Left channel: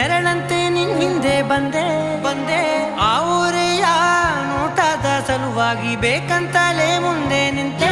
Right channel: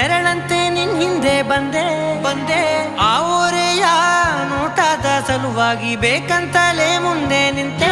ನೆರಳಂತೆ ನಿನ್ ಹಿಂದೆ ಬಂದೆ ಆ ಊರೆಯ ನೋಟದ ಸಲುವಾಗಿ ಬೇಕಂತಲೇ ಮುಂದೆ ನಿಂತೆ